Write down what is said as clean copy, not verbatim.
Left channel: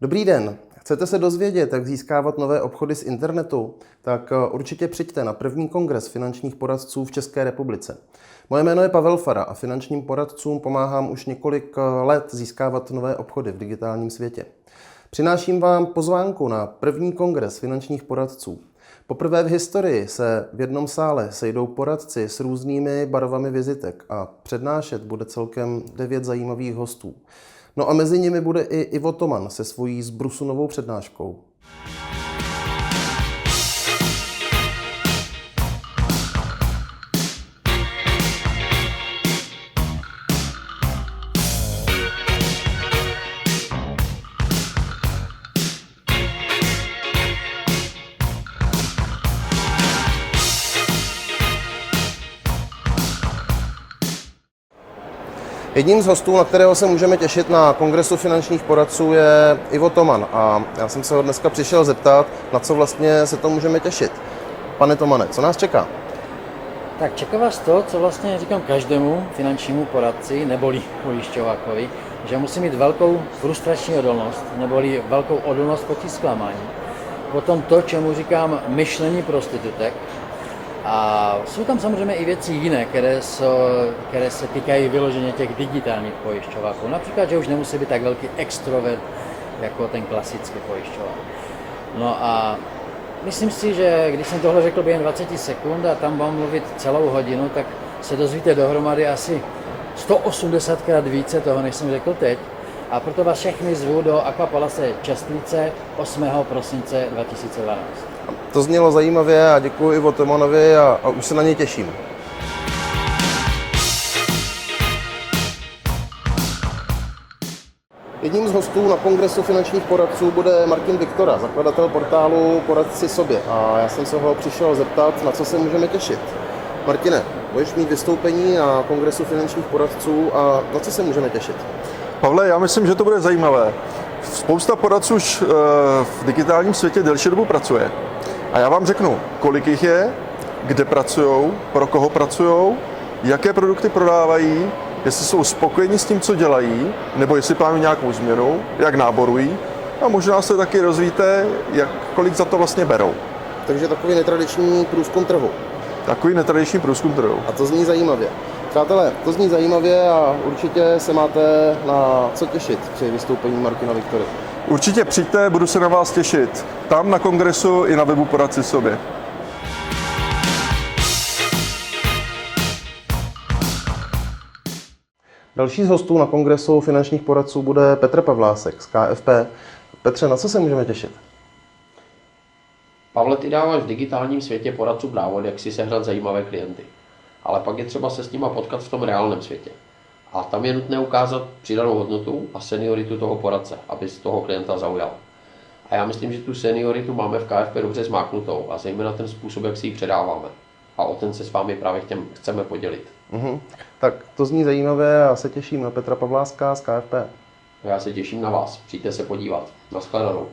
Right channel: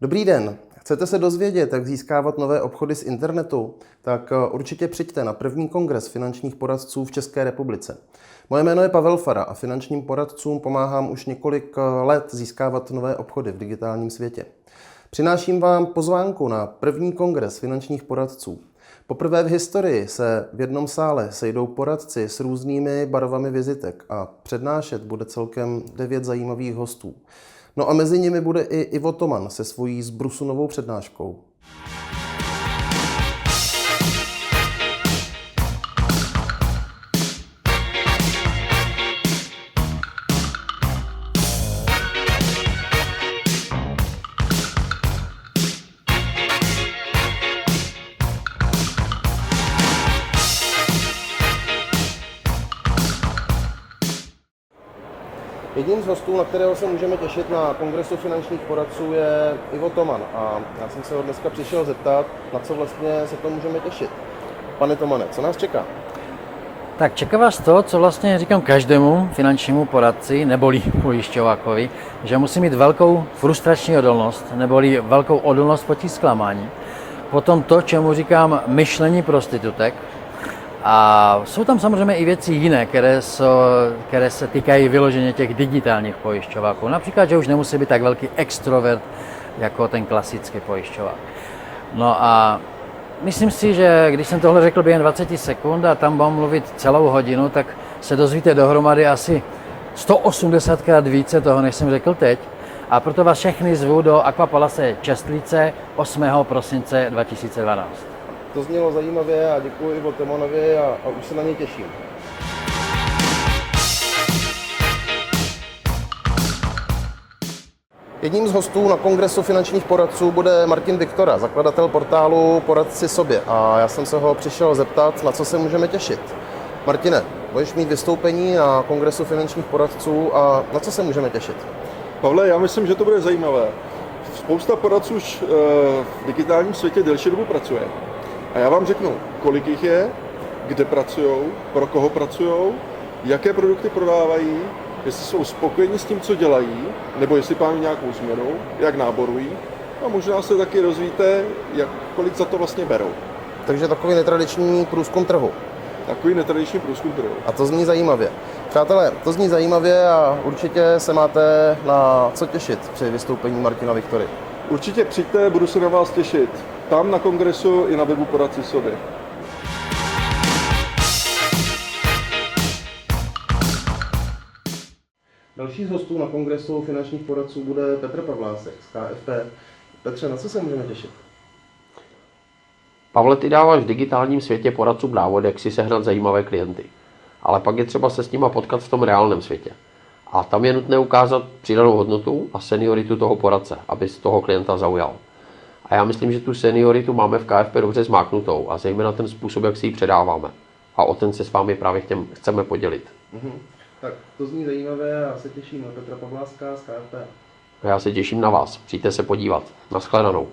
Dobrý den. Chcete se dozvědět, jak získávat nové obchody z internetu? Tak určitě přijďte na první kongres finančních poradců v České republice. Moje jméno je Pavel Fara a finančním poradcům pomáhám už několik let získávat nové obchody v digitálním světě. Přináším vám pozvánku na první kongres finančních poradců. Poprvé v historii se v jednom sále sejdou poradci s různými barvami vizitek a přednášet bude celkem 9 zajímavých hostů. No a mezi nimi bude i Ivo Toman se svojí zbrusunovou přednáškou. Jedním z hostů, na kterého se můžeme těšit na kongresu finančních poradců, je Ivo Toman. A já jsem se ho dneska přišel zeptat, na co vlastně se to můžeme těšit. Pane Tomane, co nás čeká? Tak čeká vás to, co vlastně říkám každému finančnímu poradci, neboli pojišťovákovi, že musí mít velkou frustrační odolnost, neboli velkou odolnost proti zklamání. Potom to, čemu říkám myšlení prostitutek. A jsou tam samozřejmě i věci jiné, které se týkají vyloženě těch digitálních pojišťováků. Například, že už nemusí být tak velký extrovert jako ten klasický pojišťovák. No a myslím si, že když jsem tohle řekl během 20 sekund a tam budu mluvit celou hodinu, tak se dozvíte dohromady asi 180krát více toho, než jsem řekl teď. A proto vás všechny zvu do Aquapalace Čestlice 8. prosince 2012. To znělo zajímavě a děkuji Ivo Tomanovi a už se na něj těším. Jedním z hostů na kongresu finančních poradců bude Martin Viktora, zakladatel portálu Poradci sobě. A já jsem se ho přišel zeptat, na co se můžeme těšit. Martine, budeš mít vystoupení na kongresu finančních poradců a na co se můžeme těšit? Pavle, já myslím, že to bude zajímavé. Spousta poradců už v digitálním světě delší dobu pracuje. A já vám řeknu, kolik jich je, kde pracují, pro koho pracují, jaké produkty prodávají, jestli jsou spokojeni s tím, co dělají, nebo jestli plánují nějakou změnu, jak náborují. A možná se taky dozvíte, kolik za to vlastně berou. Takže takový netradiční průzkum trhu. Takový netradiční průzkum trhu. A to zní zajímavě. Přátelé, to zní zajímavě a určitě se máte na co těšit při vystoupení Martina Viktory. Určitě přijďte, budu se na vás těšit. Tam na kongresu i na webu Poradci sobě. Další z hostů na kongresu finančních poradců bude Petr Pavlásek z KFP. Petře, na co se můžeme těšit? Pavle, ty dáváš v digitálním světě poradcům návod, jak si sehnat zajímavé klienty. Ale pak je třeba se s nima potkat v tom reálném světě. A tam je nutné ukázat přidanou hodnotu a senioritu toho poradce, aby z toho klienta zaujal. A já myslím, že tu senioritu máme v KFP dobře zmáknutou a zejména ten způsob, jak si ji předáváme. A o ten se s vámi právě chceme podělit. Tak to zní zajímavé a já se těším na Petra Pavláska z KFP. A já se těším na vás. Přijďte se podívat. Naschledanou.